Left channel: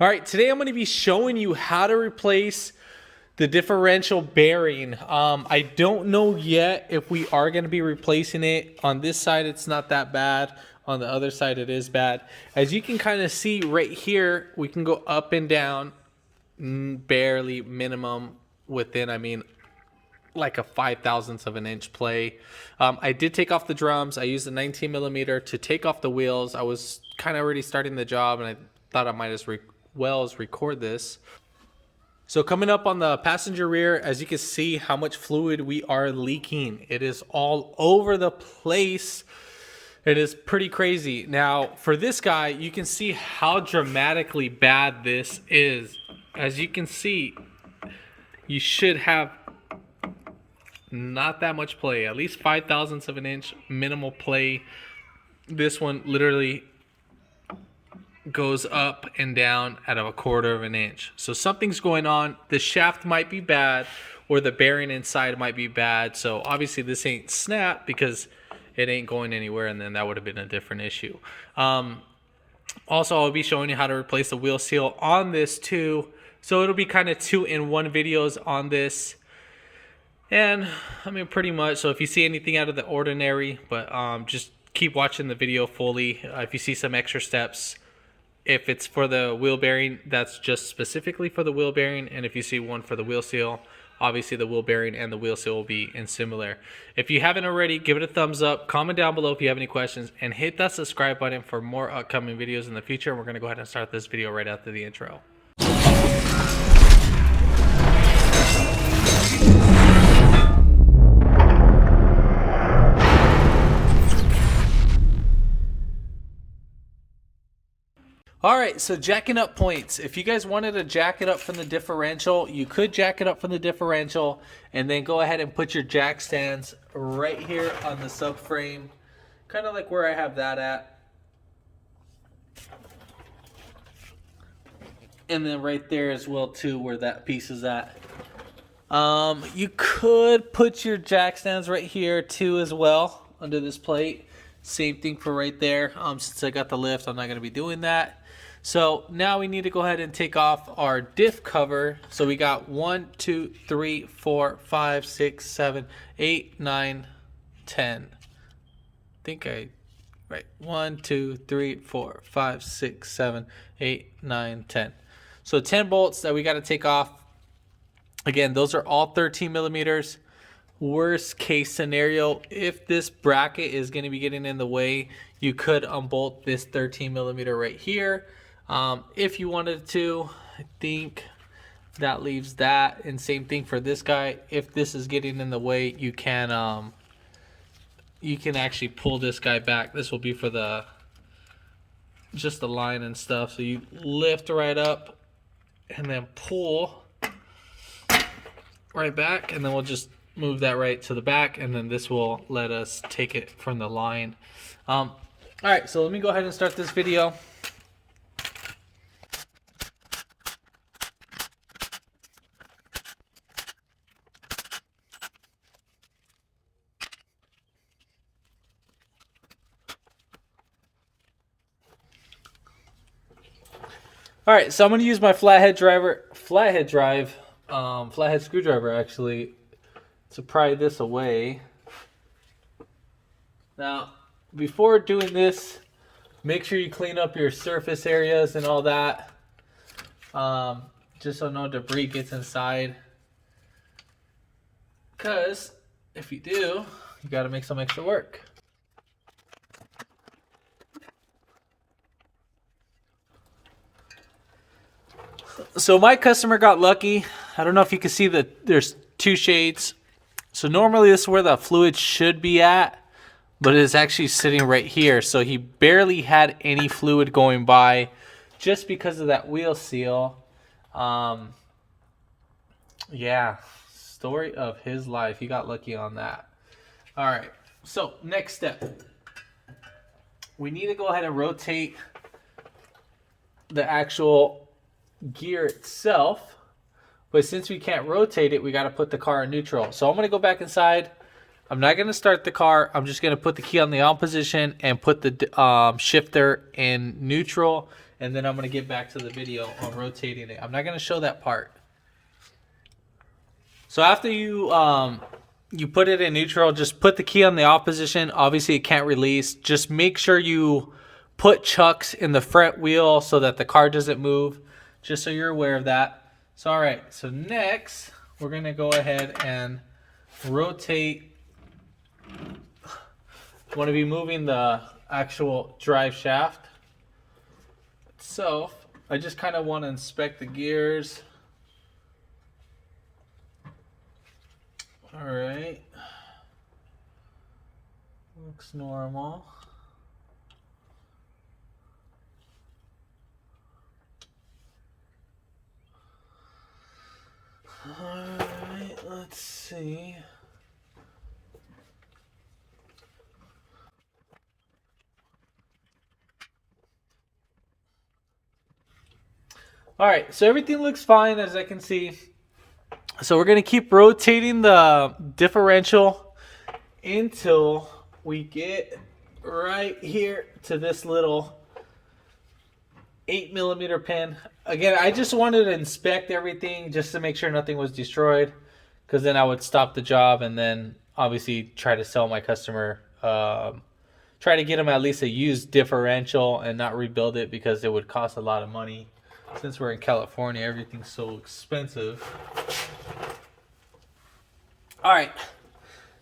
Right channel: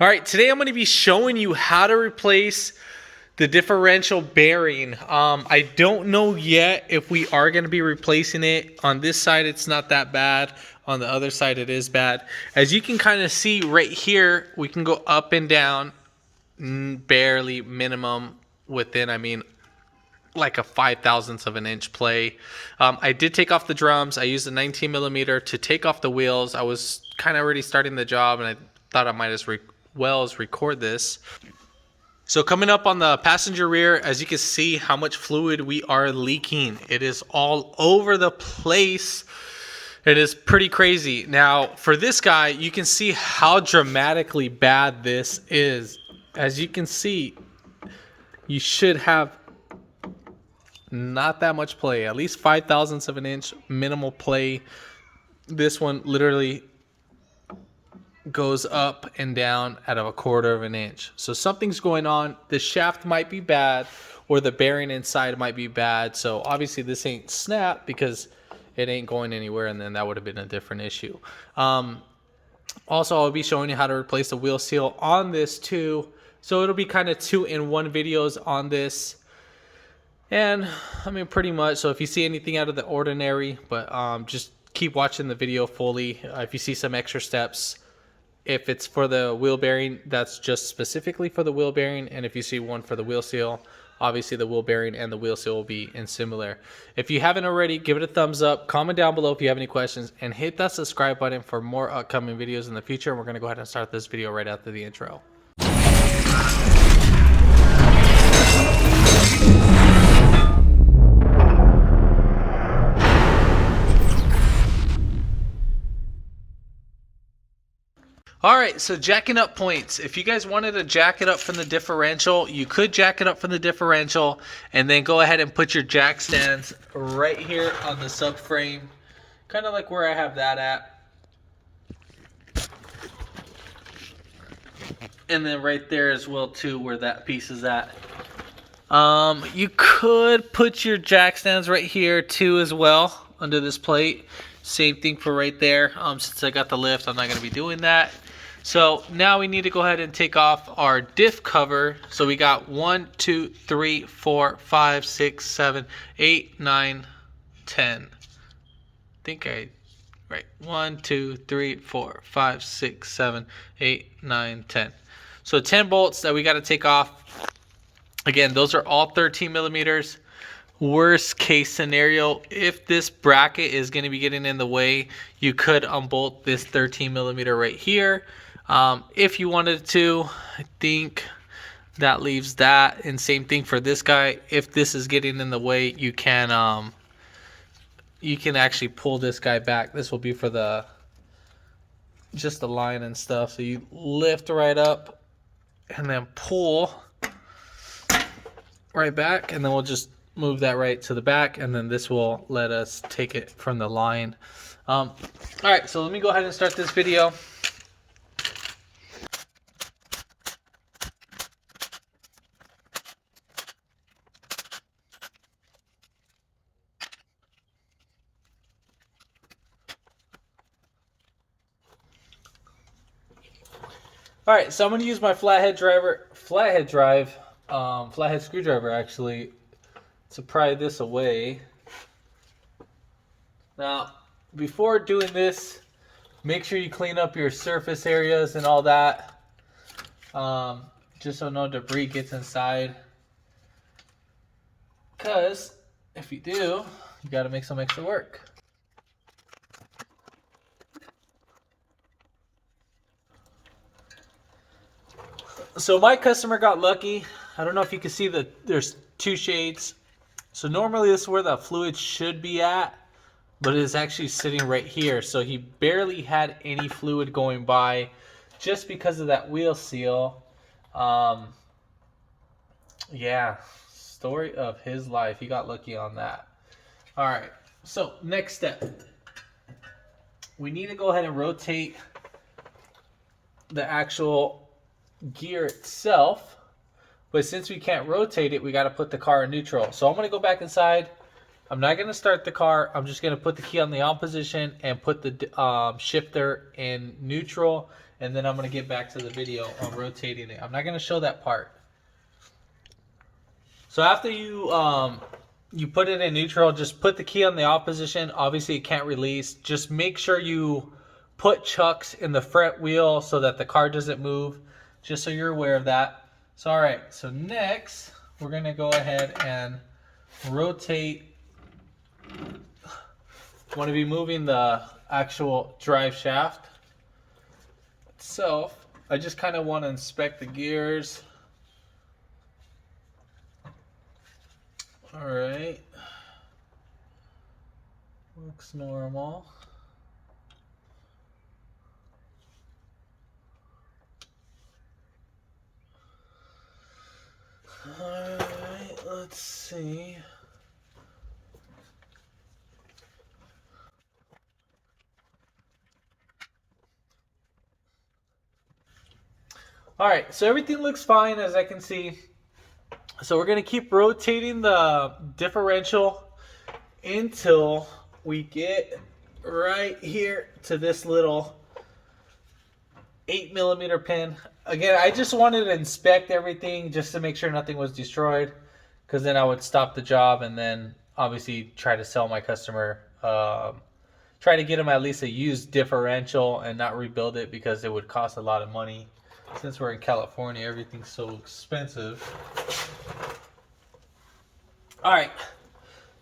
All right, today I'm going to be showing you how to replace the differential bearing. I don't know yet if we are going to be replacing it. On this side, it's not that bad. On the other side, it is bad. As you can kind of see right here, we can go up and down, barely minimum within, like a 5/1000th of an inch play. I did take off the drums. I used a 19 millimeter to take off the wheels. I was kind of already starting the job, and I thought I might as well as record this. So coming up on the passenger rear, as you can see how much fluid we are leaking. It is all over the place. It is pretty crazy. Now for this guy, you can see how dramatically bad this is. As you can see, you should have not that much play, at least 5/1000ths of an inch minimal play. This one literally goes up and down at a 1/4 of an inch. So something's going on. The shaft might be bad, or the bearing inside might be bad. So obviously this ain't snap because it ain't going anywhere, and then that would have been a different issue. Also, I'll be showing you how to replace the wheel seal on this too. So it'll be kind of 2-in-1 videos on this. And pretty much, so if you see anything out of the ordinary, but just keep watching the video fully. If you see some extra steps, if it's for the wheel bearing, that's just specifically for the wheel bearing. And if you see one for the wheel seal, obviously the wheel bearing and the wheel seal will be in similar. If you haven't already, give it a thumbs up, comment down below if you have any questions, and hit that subscribe button for more upcoming videos in the future. And we're going to go ahead and start this video right after the intro. All right, so jacking up points. If you guys wanted to jack it up from the differential, you could jack it up from the differential and then go ahead and put your jack stands right here on the subframe, kind of like where I have that at. And then right there as well too, where that piece is at. You could put your jack stands right here too as well under this plate. Same thing for right there. Since I got the lift, I'm not going to be doing that. So now we need to go ahead and take off our diff cover. So we got 1, 2, 3, 4, 5, 6, 7, 8, 9, 10. Right. 1, 2, 3, 4, 5, 6, 7, 8, 9, 10. So 10 bolts that we got to take off. Again, those are all 13 millimeters. Worst case scenario, if this bracket is going to be getting in the way, you could unbolt this 13 millimeter right here. If you wanted to, I think that leaves that. And same thing for this guy. If this is getting in the way, you can actually pull this guy back. This will be for just the line and stuff. So you lift right up and then pull right back, and then we'll just move that right to the back, and then this will let us take it from the line. All right, so let me go ahead and start this video. All right, so I'm going to use my flathead screwdriver actually to pry this away. Now, before doing this, make sure you clean up your surface areas and all that, just so no debris gets inside. Because if you do, you got to make some extra work. So my customer got lucky. I don't know if you can see that there's 2 shades. So normally this is where the fluid should be at, but it's actually sitting right here. So he barely had any fluid going by just because of that wheel seal. Yeah, story of his life. He got lucky on that. All right, so next step. We need to go ahead and rotate the actual gear itself, but since we can't rotate it, we got to put the car in neutral. So I'm going to go back inside. I'm not going to start the car. I'm just going to put the key on the on position and put the shifter in neutral, and then I'm going to get back to the video on rotating it. I'm not going to show that part. So after you you put it in neutral, just put the key on the off position. Obviously it can't release. Just make sure you put chucks in the front wheel so that the car doesn't move, just so you're aware of that. So all right, so next we're going to go ahead and rotate. I'm going to be moving the actual drive shaft itself. I just kind of want to inspect the gears. All right, looks normal. All right, let's see. All right, so everything looks fine as I can see. So we're going to keep rotating the differential until we get right here to this little 8mm pin. Again, I just wanted to inspect everything just to make sure nothing was destroyed, because then I would stop the job and then obviously try to sell my customer, try to get them at least a used differential and not rebuild it, because it would cost a lot of money. Since we're in California, everything's so expensive. All right,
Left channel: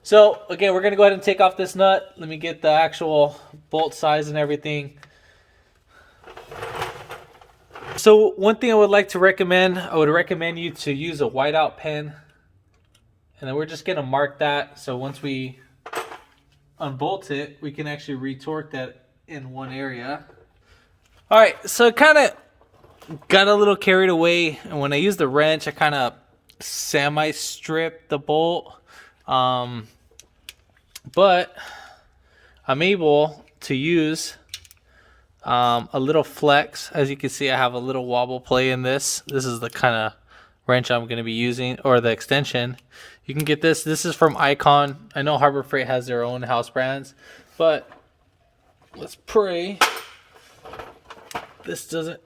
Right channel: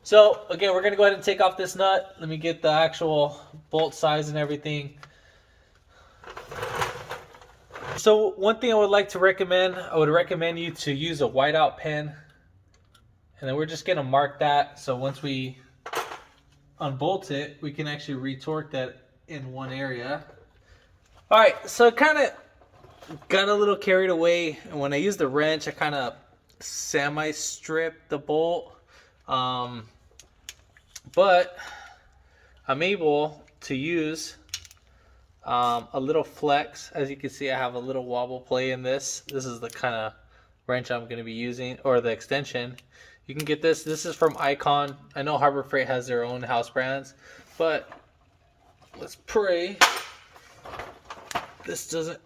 so again, we're gonna go ahead and take off this nut. Let me get the actual bolt size and everything. So one thing I would like to recommend, I would recommend you to use a whiteout pen, and then we're just gonna mark that. So once we unbolt it, we can actually retorque that in one area. All right, so it kind of got a little carried away, and when I used the wrench, I kind of semi-stripped the bolt, but I'm able to use a little flex. As you can see, I have a little wobble play in this. This is the kind of wrench I'm going to be using, or the extension. You can get this. This is from Icon. I know Harbor Freight has their own house brands, but let's pray this doesn't.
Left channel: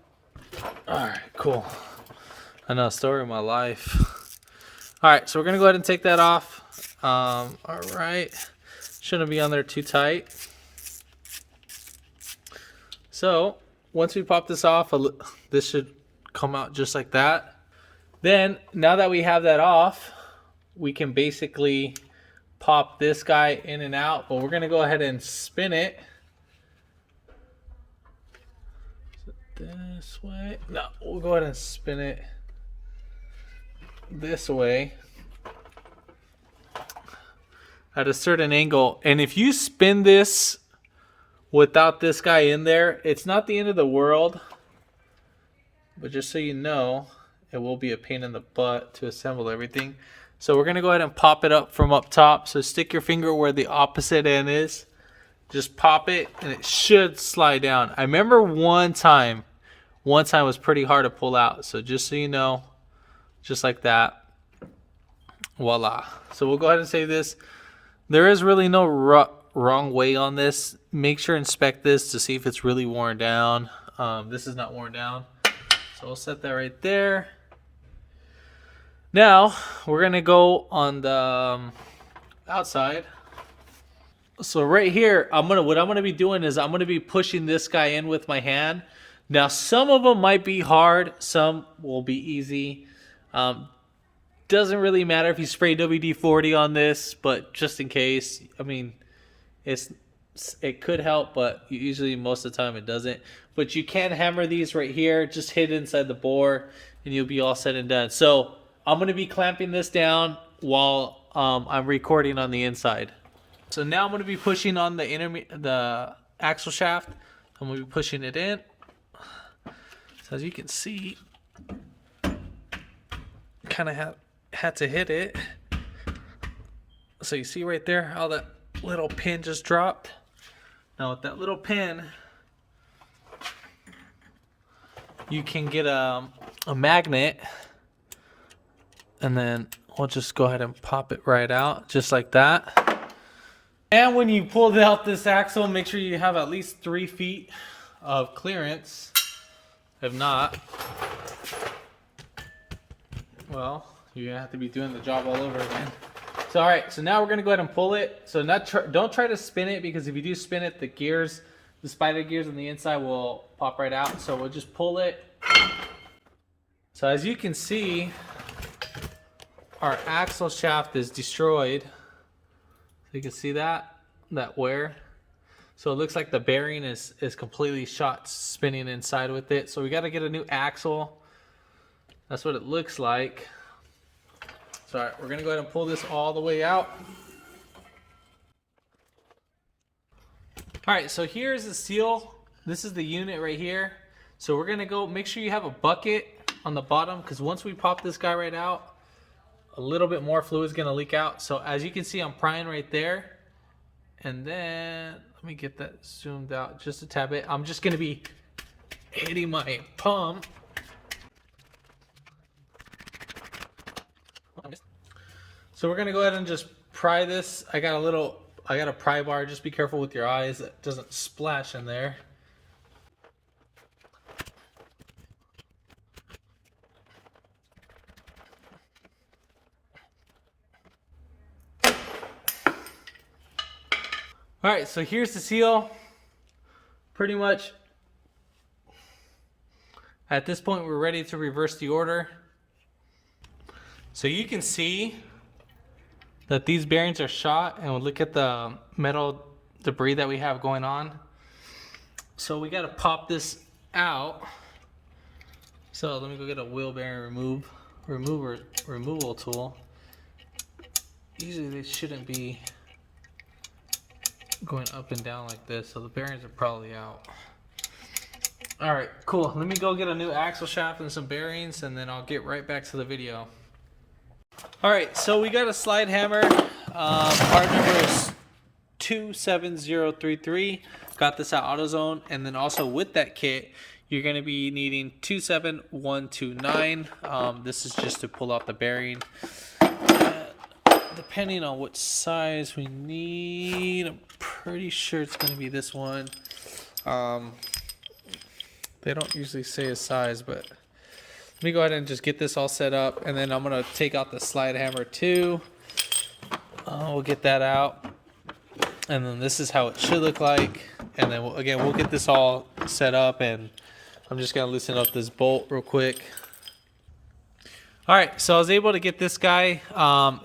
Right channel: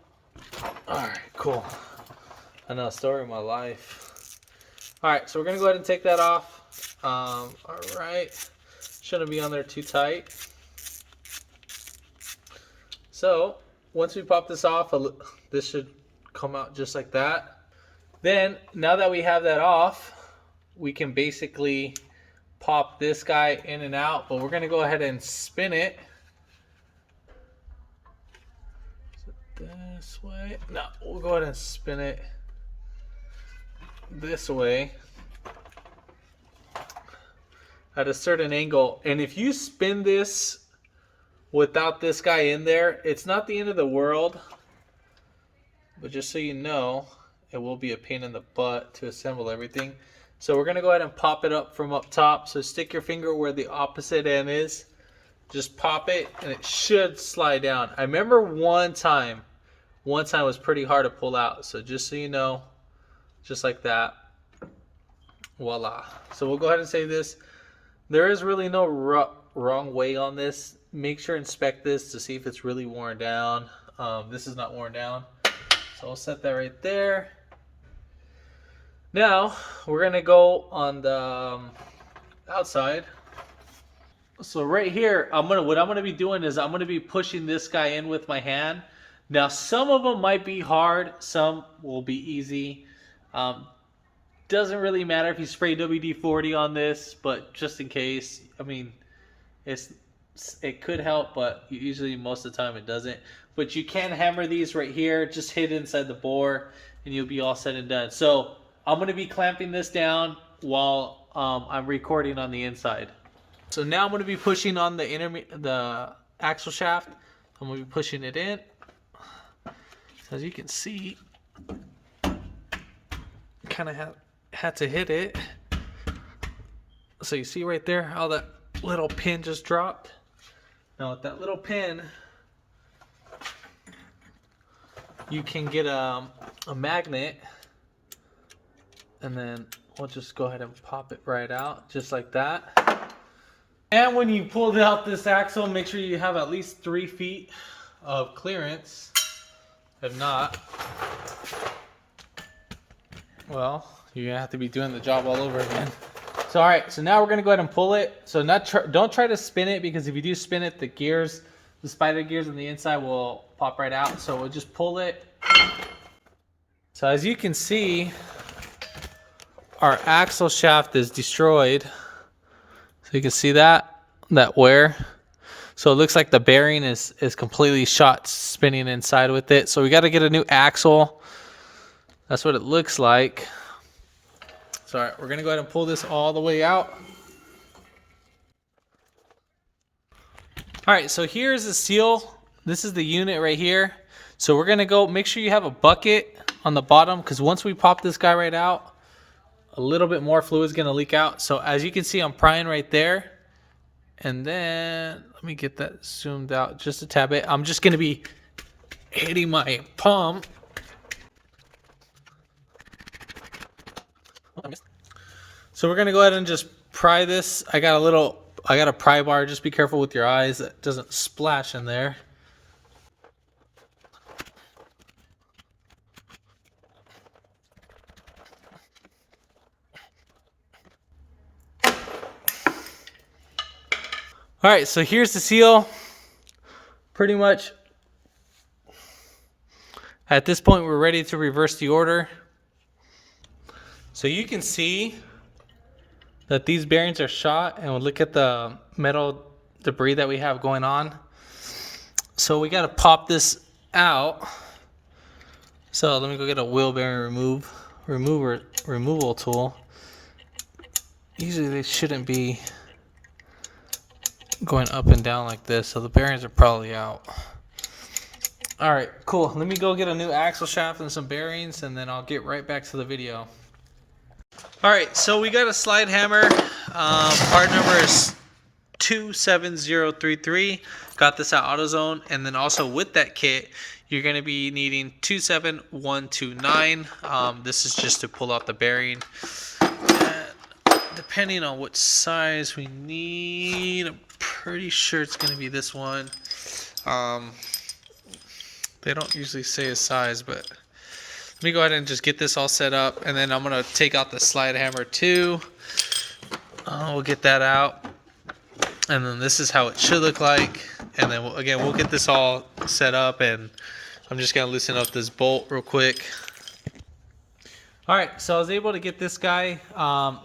All right, cool. I know, story of my life. All right, so we're gonna go ahead and take that off. All right, shouldn't be on there too tight. So once we pop this off, this should come out just like that. Then now that we have that off, we can basically pop this guy in and out, but we're gonna go ahead and spin it this way. No, we'll go ahead and spin it this way at a certain angle. And if you spin this without this guy in there, it's not the end of the world, but just so you know, it will be a pain in the butt to assemble everything. So we're gonna go ahead and pop it up from up top. So stick your finger where the opposite end is, just pop it, and it should slide down. I remember one time was pretty hard to pull out. So just so you know, just like that. Voila. So we'll go ahead and save this. There is really no wrong way on this. Make sure inspect this to see if it's really worn down. This is not worn down. So I'll set that right there. Now we're gonna go on the outside. So right here, what I'm gonna be doing is I'm gonna be pushing this guy in with my hand. Now some of them might be hard, some will be easy. Doesn't really matter if you spray WD-40 on this, but just in case, I mean, it could help, but usually most of the time it doesn't. But you can hammer these right here, just hit it inside the bore, and you'll be all said and done. So I'm gonna be clamping this down while I'm recording on the inside. So now I'm going to be pushing on the axle shaft. I'm going to be pushing it in. So as you can see, kind of had to hit it. So you see right there how that little pin just dropped. Now with that little pin, you can get a magnet, and then we'll just go ahead and pop it right out just like that. And when you pull out this axle, make sure you have at least 3 feet of clearance. If not, well, you're gonna have to be doing the job all over again. So all right, so now we're gonna go ahead and pull it. So don't try to spin it, because if you do spin it, the gears, the spider gears on the inside will pop right out. So we'll just pull it. So as you can see, our axle shaft is destroyed. So you can see that wear. So it looks like the bearing is completely shot spinning inside with it. So we got to get a new axle. That's what it looks like. So all right, we're gonna go ahead and pull this all the way out. All right, so here's the seal. This is the unit right here. So we're gonna go, make sure you have a bucket on the bottom, because once we pop this guy right out, a little bit more fluid is gonna leak out. So as you can see, I'm prying right there. And then, let me get that zoomed out just a tad bit. I'm just gonna be hitting my palm. So we're gonna go ahead and just pry this. I got a pry bar. Just be careful with your eyes. It doesn't splash in there. All right, so here's the seal. Pretty much at this point, we're ready to reverse the order. So you can see that these bearings are shot, and we'll look at the metal debris that we have going on. So we got to pop this out. So let me go get a wheel bearing removal tool. Usually they shouldn't be going up and down like this, so the bearings are probably out. All right, cool. Let me go get a new axle shaft and some bearings, and then I'll get right back to the video. All right, so we got a slide hammer. Part number is 27033. Got this at AutoZone. And then also with that kit, you're going to be needing 27129. This is just to pull out the bearing. And depending on what size we need, I'm pretty sure it's going to be this one. They don't usually say a size, but let me go ahead and just get this all set up, and then I'm going to take out the slide hammer too. We'll get that out, and then this is how it should look like. And then we'll get this all set up, and I'm just going to loosen up this bolt real quick. All right, so I was able to get this guy.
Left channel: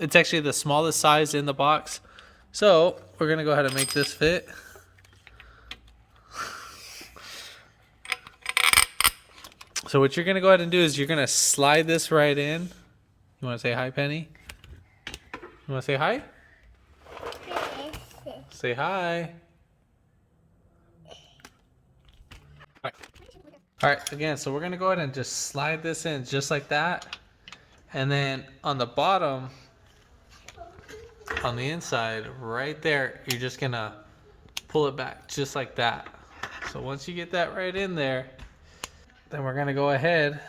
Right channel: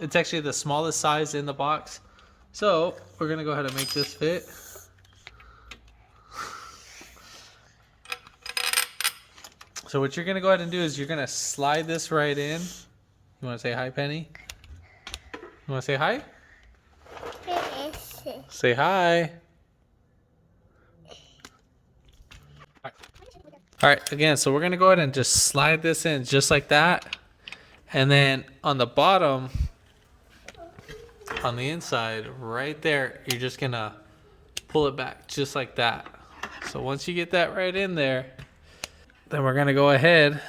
It's actually the smallest size in the box. So we're going to go ahead and make this fit. So what you're going to go ahead and do is you're going to slide this right in. You want to say hi, Penny? You want to say hi? Say hi. All right, again, so we're going to go ahead and just slide this in just like that. And then on the bottom, on the inside, right there, you're just going to pull it back just like that. So once you get that right in there, then we're going to go ahead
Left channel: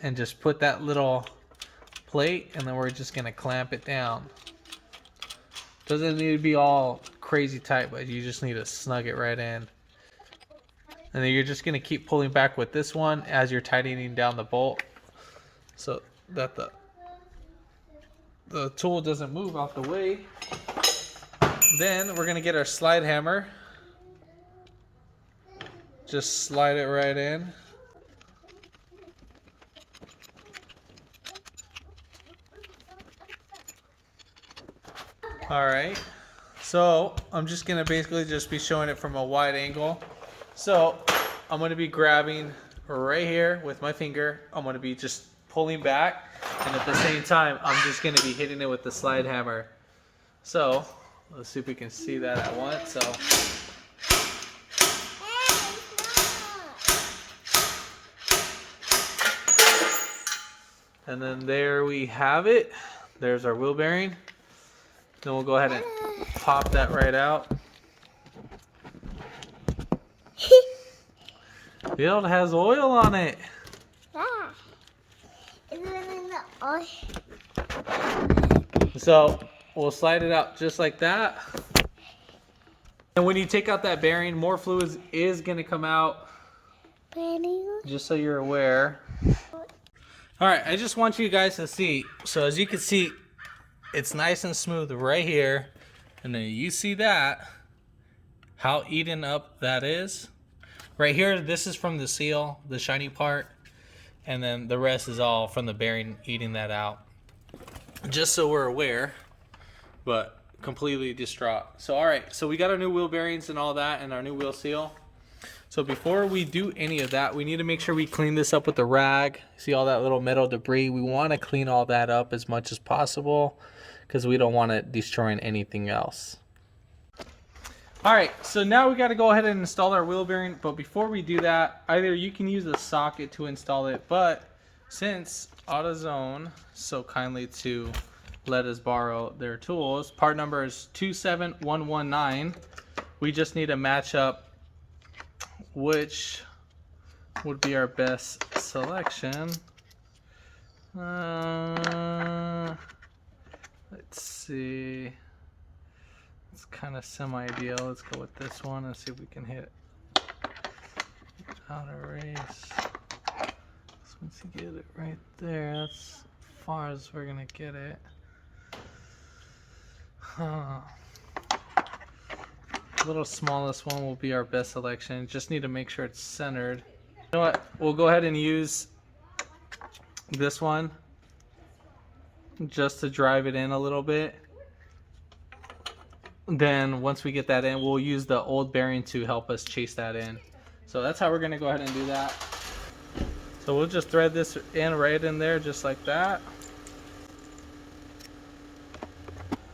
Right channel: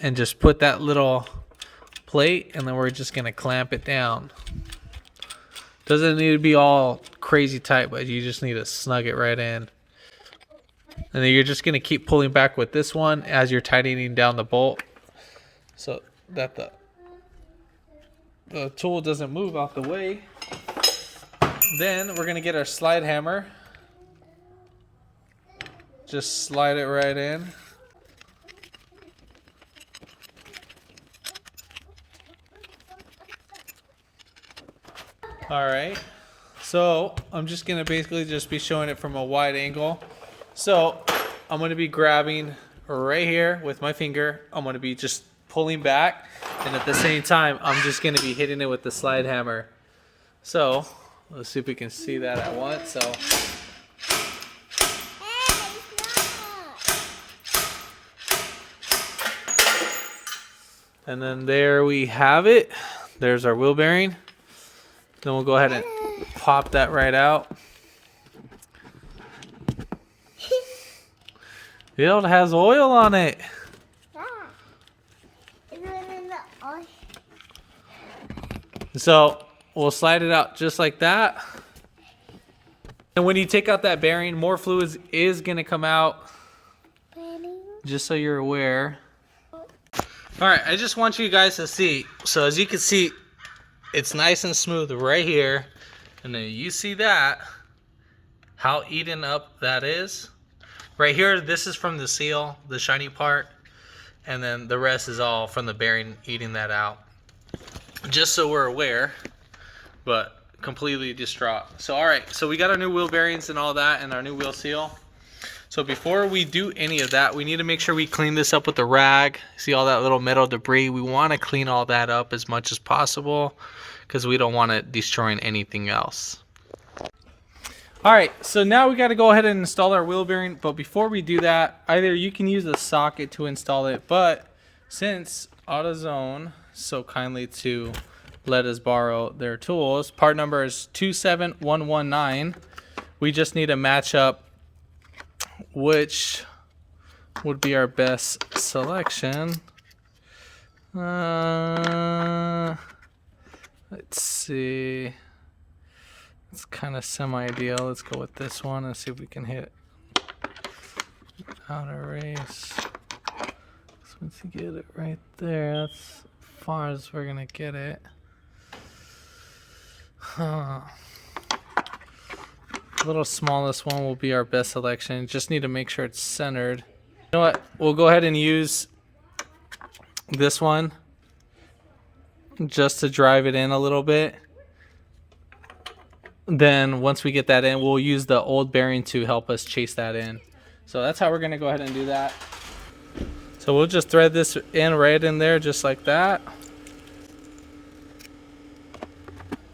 and just put that little plate, and then we're just going to clamp it down. Doesn't need to be all crazy tight, but you just need to snug it right in. And then you're just going to keep pulling back with this one as you're tightening down the bolt, so that the tool doesn't move out the way. Then we're going to get our slide hammer. Just slide it right in. All right, so I'm just gonna basically just be showing it from a wide angle. So I'm gonna be grabbing right here with my finger. I'm gonna be just pulling back, and at the same time, I'm just gonna be hitting it with the slide hammer. So let's see if we can see that at once. So. And then there we have it. There's our wheel bearing. Then we'll go ahead and pop that right out. It has oil on it. So we'll slide it out just like that. And when you take out that bearing, more fluid is going to come out. just so you're aware. All right, I just want you guys to see. So as you can see, it's nice and smooth right here. And then you see that, how eaten up that is. Right here, this is from the seal, the shiny part. And then the rest is all from the bearing eating that out. Just so we're aware, but completely distraught. So all right, so we got our new wheel bearings and all that and our new wheel seal. So before we do any of that, we need to make sure we clean this up with a rag. See all that little metal debris? We want to clean all that up as much as possible because we don't want it destroying anything else. All right, so now we got to go ahead and install our wheel bearing. But before we do that, either you can use a socket to install it, but since AutoZone so kindly to let us borrow their tools, part number is 27119. We just need to match up which would be our best selection. Let's see. It's kind of semi-ideal. Let's go with this one and see if we can hit outer race. So once you get it right there, that's as far as we're gonna get it. The little smallest one will be our best selection. Just need to make sure it's centered. You know what? We'll go ahead and use this one just to drive it in a little bit. Then once we get that in, we'll use the old bearing to help us chase that in. So that's how we're gonna go ahead and do that. So we'll just thread this in right in there just like that.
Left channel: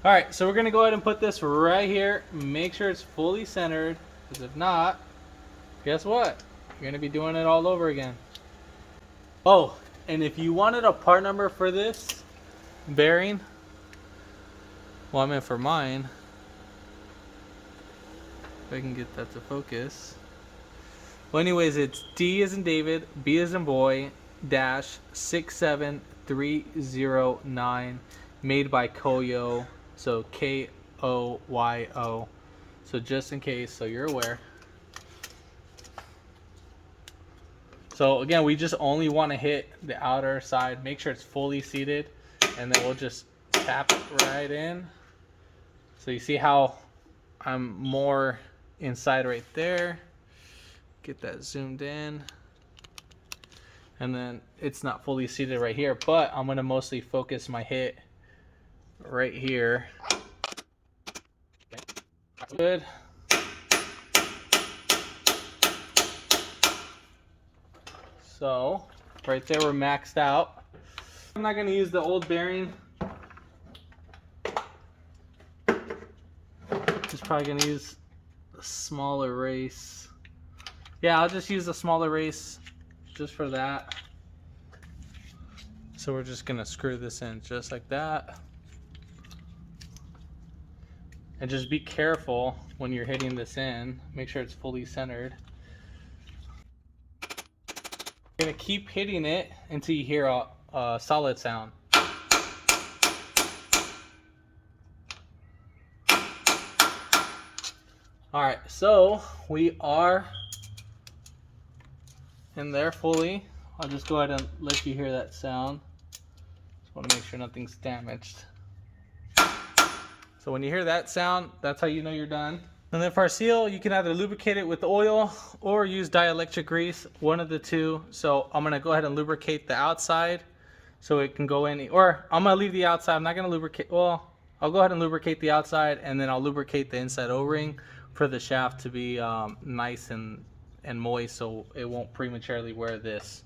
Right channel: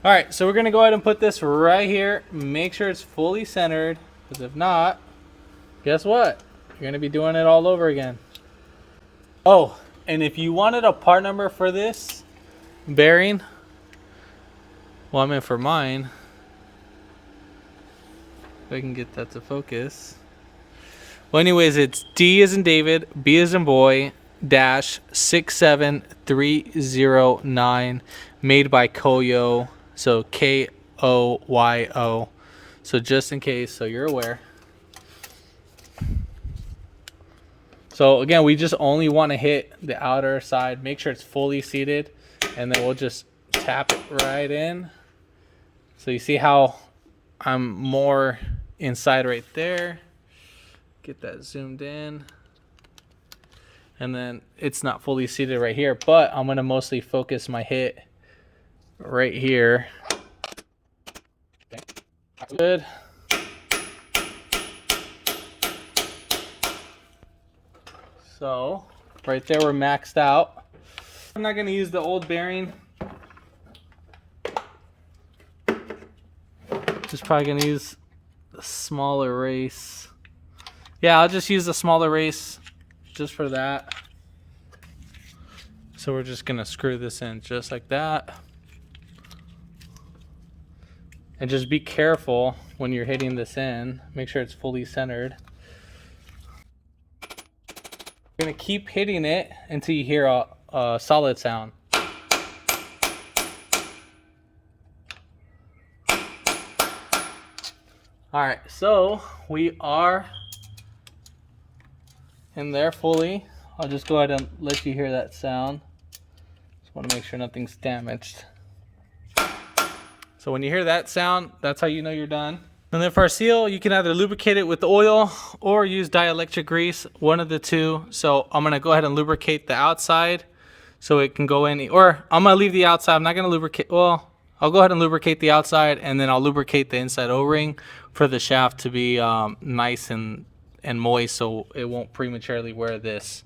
All right, so we're gonna go ahead and put this right here. Make sure it's fully centered, because if not, guess what? You're gonna be doing it all over again. Oh, and if you wanted a part number for this bearing, well, I meant for mine, if I can get that to focus. Well, anyways, it's D as in David, B as in boy, dash 67309, made by Koyo. So Koyo. So just in case, so you're aware. So again, we just only want to hit the outer side. Make sure it's fully seated, and then we'll just tap it right in. So you see how I'm more inside right there. Get that zoomed in. And then it's not fully seated right here, but I'm going to mostly focus my hit right here. Okay. Good. So right there we're maxed out. I'm not going to use the old bearing. Just probably going to use the smaller race. Yeah, I'll just use the smaller race just for that. So we're just going to screw this in just like that. And just be careful when you're hitting this in. Make sure it's fully centered. You're gonna keep hitting it until you hear a solid sound. All right, so we are in there fully. I'll just go ahead and let you hear that sound. Just want to make sure nothing's damaged. So when you hear that sound, that's how you know you're done. And then for our seal, you can either lubricate it with oil or use dielectric grease, one of the two. So I'm gonna go ahead and lubricate the outside so it can go in, or I'm gonna leave the outside. I'm not gonna lubricate, well, I'll go ahead and lubricate the outside, and then I'll lubricate the inside O-ring for the shaft to be nice and moist so it won't prematurely wear this.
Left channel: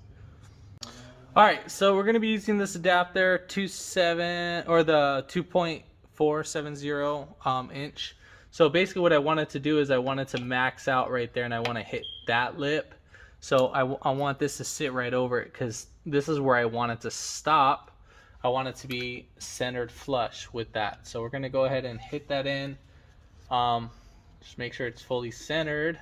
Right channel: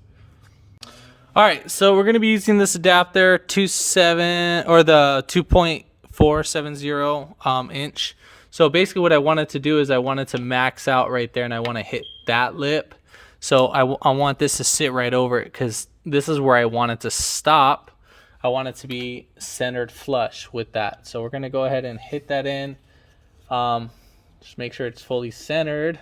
All right, so we're gonna be using this adapter, the 2.470 inch. So basically what I wanted to do is I wanted to max out right there, and I want to hit that lip. So I want this to sit right over it, because this is where I want it to stop. I want it to be centered flush with that. So we're going to go ahead and hit that in. Just make sure it's fully centered.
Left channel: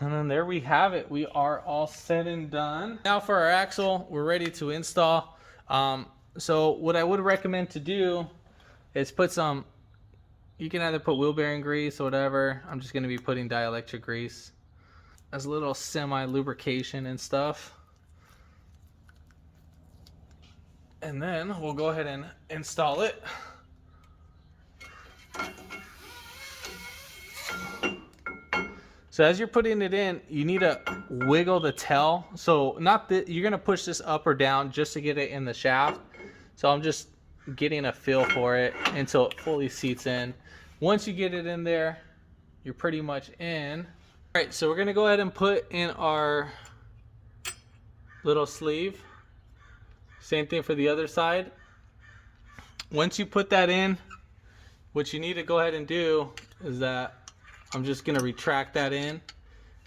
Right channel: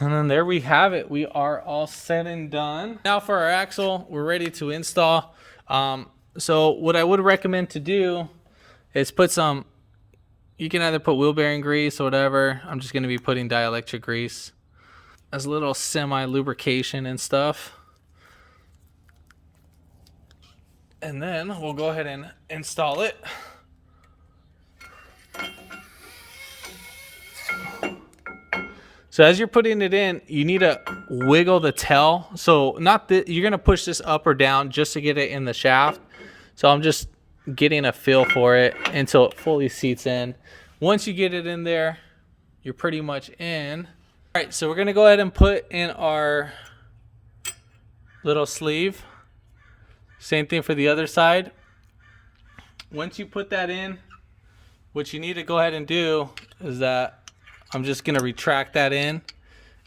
And then there we have it. We are all set and done. Now for our axle, we're ready to install. So what I would recommend to do is put some You can either put wheel bearing grease or whatever. I'm just going to be putting dielectric grease as a little semi lubrication and stuff. And then we'll go ahead and install it. So as you're putting it in, you need to wiggle the tail. So you're gonna push this up or down just to get it in the shaft. So I'm just getting a feel for it until it fully seats in. Once you get it in there, you're pretty much in. All right, so we're gonna go ahead and put in our little sleeve. Same thing for the other side. Once you put that in, what you need to go ahead and do is that I'm just gonna retract that in,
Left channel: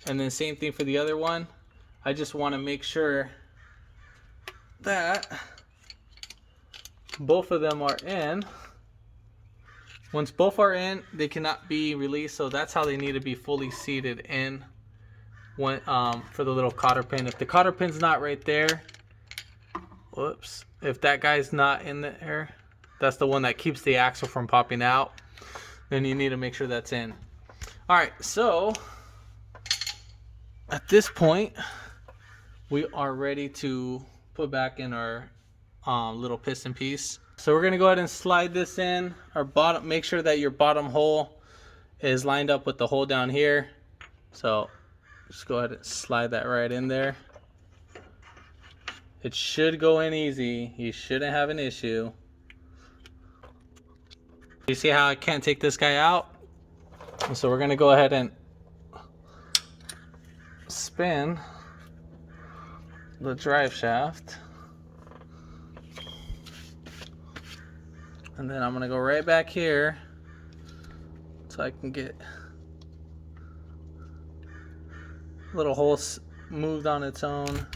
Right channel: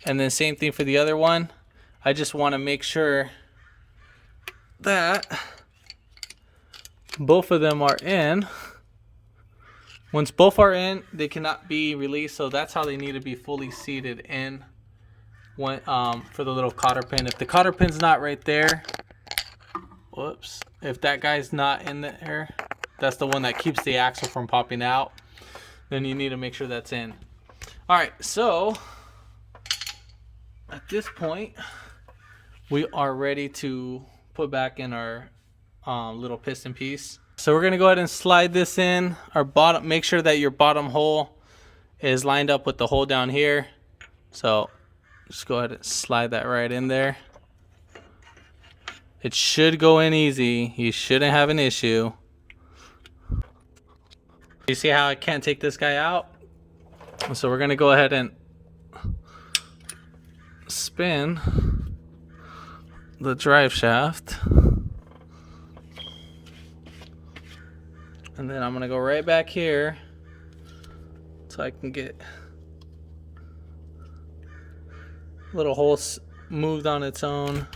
and then same thing for the other one. I just want to make sure that both of them are in. Once both are in, they cannot be released, so that's how they need to be fully seated in when, for the little cotter pin. If the cotter pin's not right there, whoops, if that guy's not in there, that's the one that keeps the axle from popping out, then you need to make sure that's in. All right, so at this point, we are ready to put back in our little piston piece. So we're gonna go ahead and slide this in our bottom. Make sure that your bottom hole is lined up with the hole down here. So just go ahead and slide that right in there. It should go in easy. You shouldn't have an issue. You see how I can't take this guy out? So we're gonna go ahead and spin the drive shaft. And then I'm gonna go right back here so I can get a little hole moved on its own.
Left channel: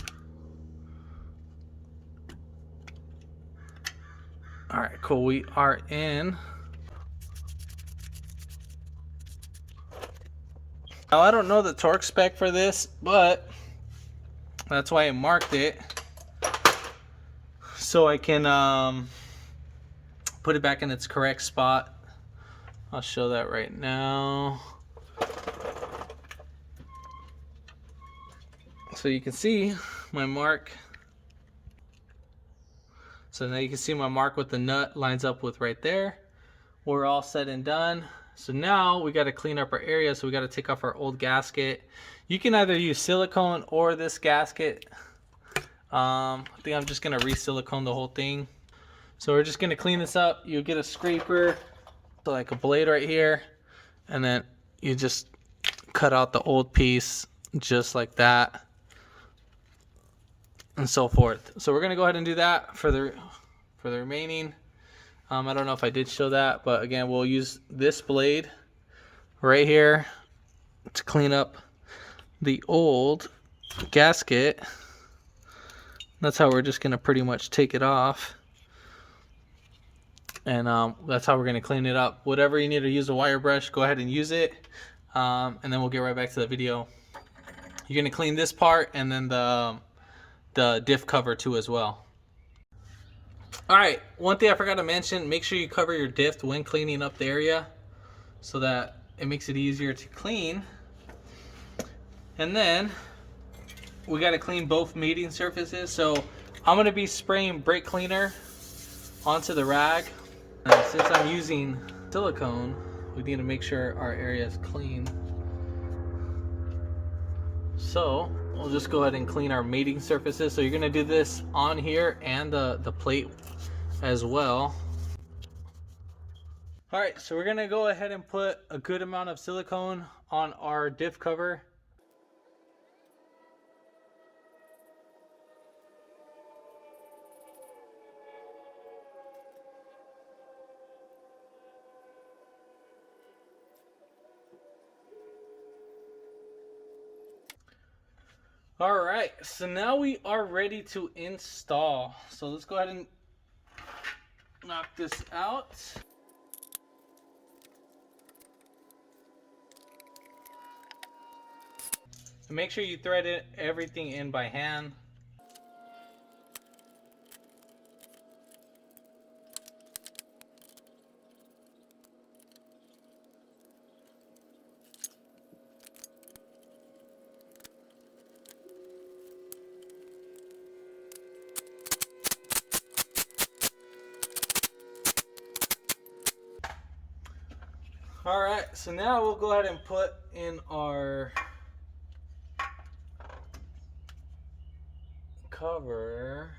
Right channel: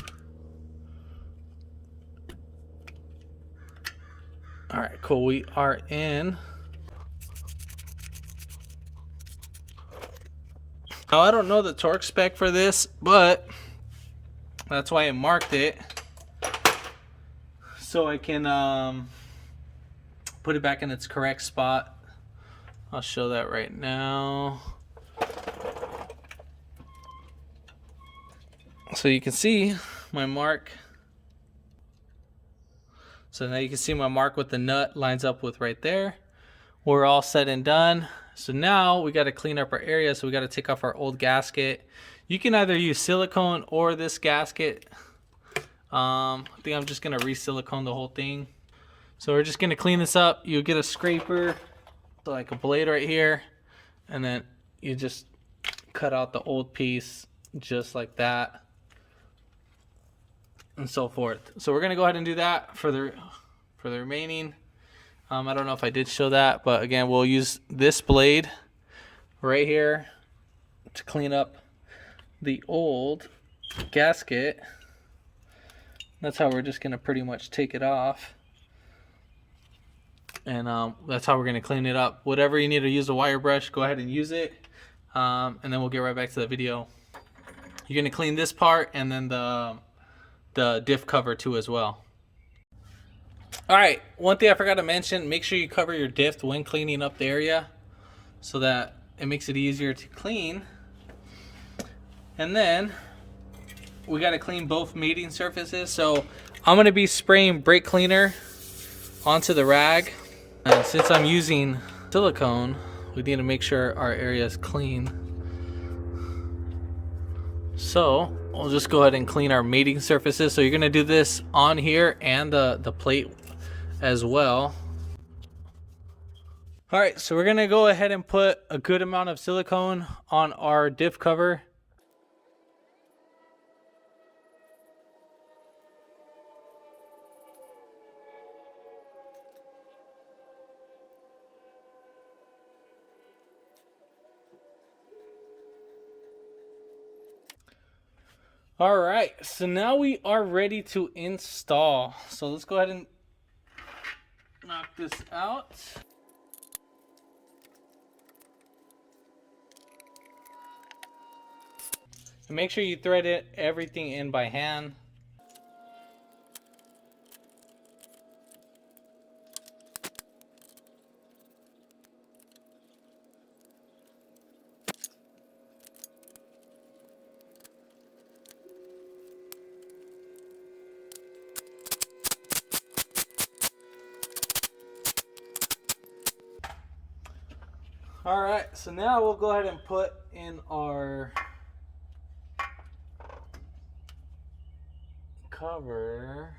All right, cool, we are in. Now, I don't know the torque spec for this, but that's why I marked it, so I can put it back in its correct spot. I'll show that right now. So you can see my mark. So now you can see my mark with the nut lines up with right there. We're all set and done. So now we got to clean up our area. So we got to take off our old gasket. You can either use silicone or this gasket. I think I'm just going to re-silicone the whole thing. So we're just going to clean this up. You get a scraper, so like a blade right here, and then you just cut out the old piece just like that, and so forth. So we're going to go ahead and do that for the remaining. I don't know if I did show that, but again, we'll use this blade right here to clean up the old gasket. That's how we're just going to pretty much take it off. And that's how we're going to clean it up. Whatever you need to use the wire brush, go ahead and use it. And then we'll get right back to the video. You're going to clean this part and then the diff cover too as well. All right, one thing I forgot to mention, make sure you cover your diff when cleaning up the area so that it makes it easier to clean. And then we got to clean both mating surfaces. So I'm going to be spraying brake cleaner onto the rag. And since I'm using silicone, we need to make sure our area is clean. So we'll just go ahead and clean our mating surfaces. So you're going to do this on here and the plate as well. All right, so we're going to go ahead and put a good amount of silicone on our diff cover. All right, so now we are ready to install. So let's go ahead and knock this out. And make sure you thread everything in by hand. All right, so now we'll go ahead and put in our cover.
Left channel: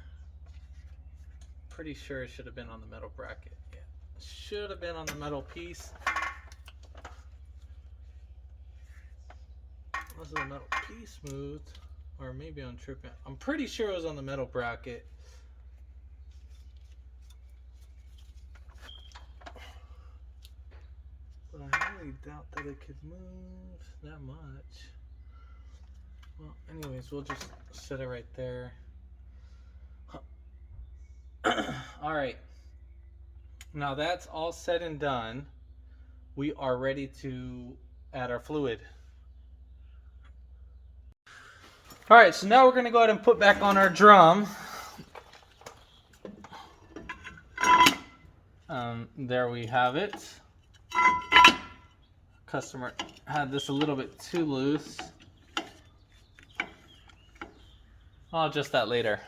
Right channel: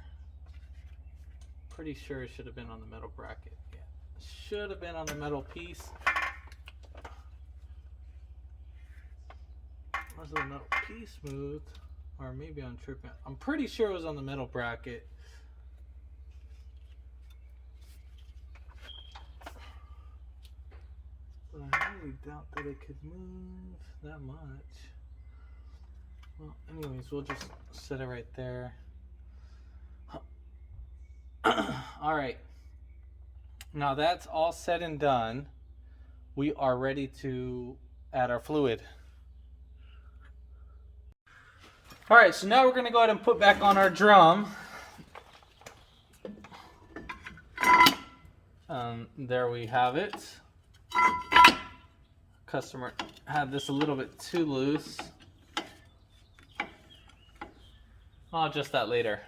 Pretty sure it should have been on the metal bracket. Yeah, should have been on the metal piece. Was the metal piece moved? Or maybe I'm tripping. I'm pretty sure it was on the metal bracket. But I really doubt that it could move that much. Well, anyways, we'll just set it right there. All right. Now that's all said and done. We are ready to add our fluid. All right, so now we're going to go ahead and put back on our drum. There we have it. Customer had this a little bit too loose. I'll adjust that later.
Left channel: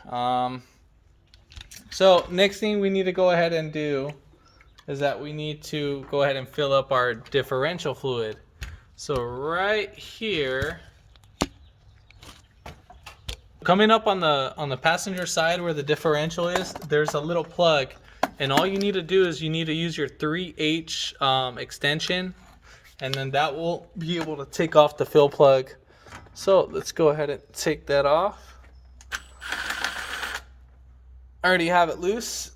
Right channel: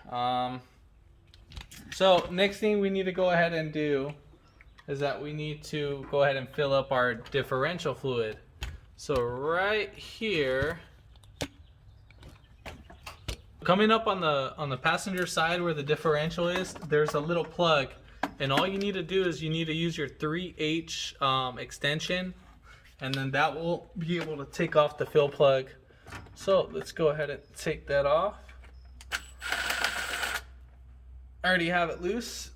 So next thing we need to go ahead and do is that we need to go ahead and fill up our differential fluid. So right here, coming up on the passenger side where the differential is, there's a little plug, and all you need to do is you need to use your 3H extension, and then that will be able to take off the fill plug. So let's go ahead and take that off. I already have it loose.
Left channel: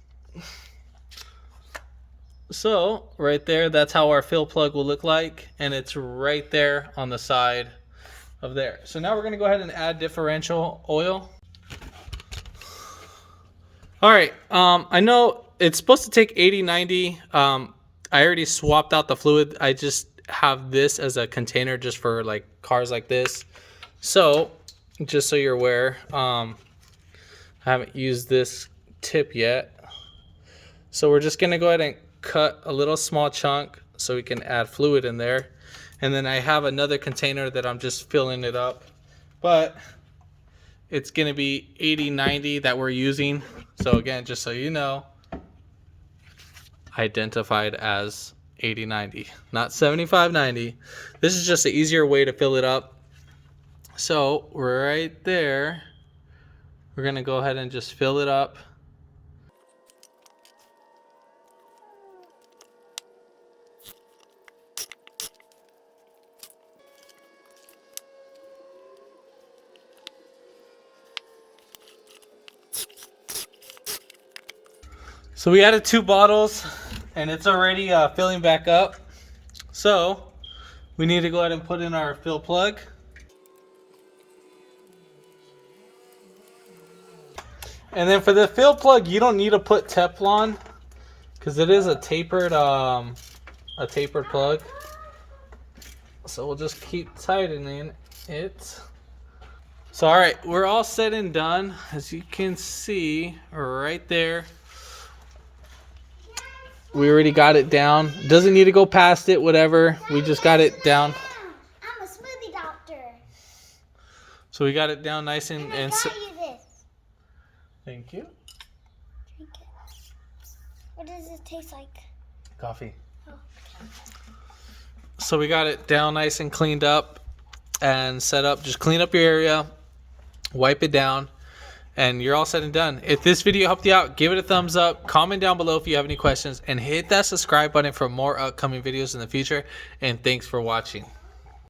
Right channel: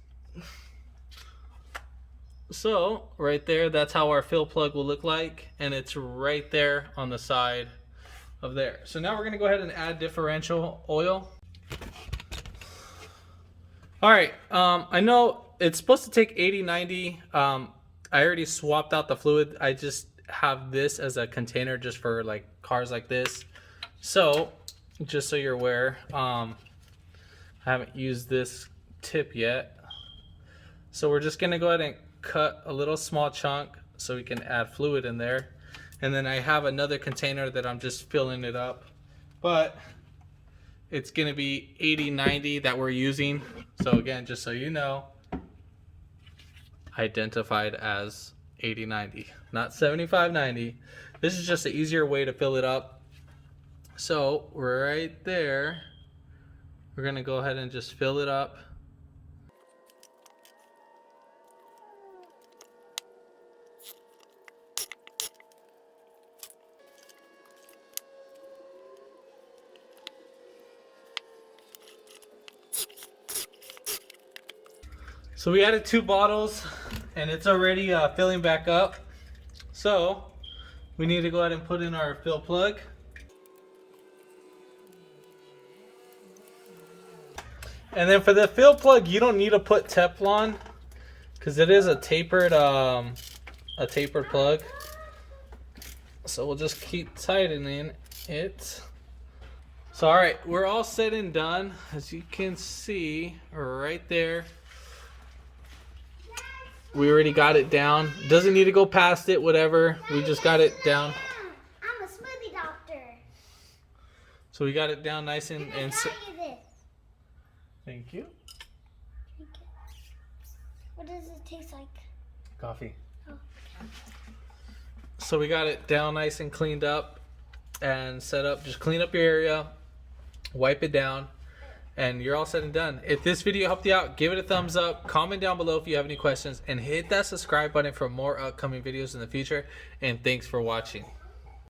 So right there, that's how our fill plug will look like, and it's right there on the side of there. So now we're going to go ahead and add differential oil. All right, I know it's supposed to take 80-90. I already swapped out the fluid. I just have this as a container just for like cars like this. So just so you're aware, I haven't used this tip yet. So we're just going to go ahead and cut a little small chunk so we can add fluid in there. And then I have another container that I'm just filling it up. But it's going to be 80-90 that we're using. So again, just so you know, identified as 80-90, not 75-90. This is just an easier way to fill it up. So right there, we're going to go ahead and just fill it up. So we added 2 bottles and it's already filling back up. So we need to go ahead and put in our fill plug. And then for the fill plug, you don't need to put Teflon because it is a tapered plug. So we'll just keep tightening it. So all right, we're all set and done. As you can see right there, we already got it down. Doesn't need to go past it, whatever. We just got it down. I'm a smoothie doctor. So we got it down nice and you this. Thank you. Drink it. What does it taste like? Coffee. Oh, okay. So we got it down nice and cleaned up and set up. Just clean up your area, wipe it down, and you're all set and done. If this video helped you out, give it a thumbs up, comment down below if you have any questions, and hit that subscribe button for more upcoming videos in the future. And thanks for watching.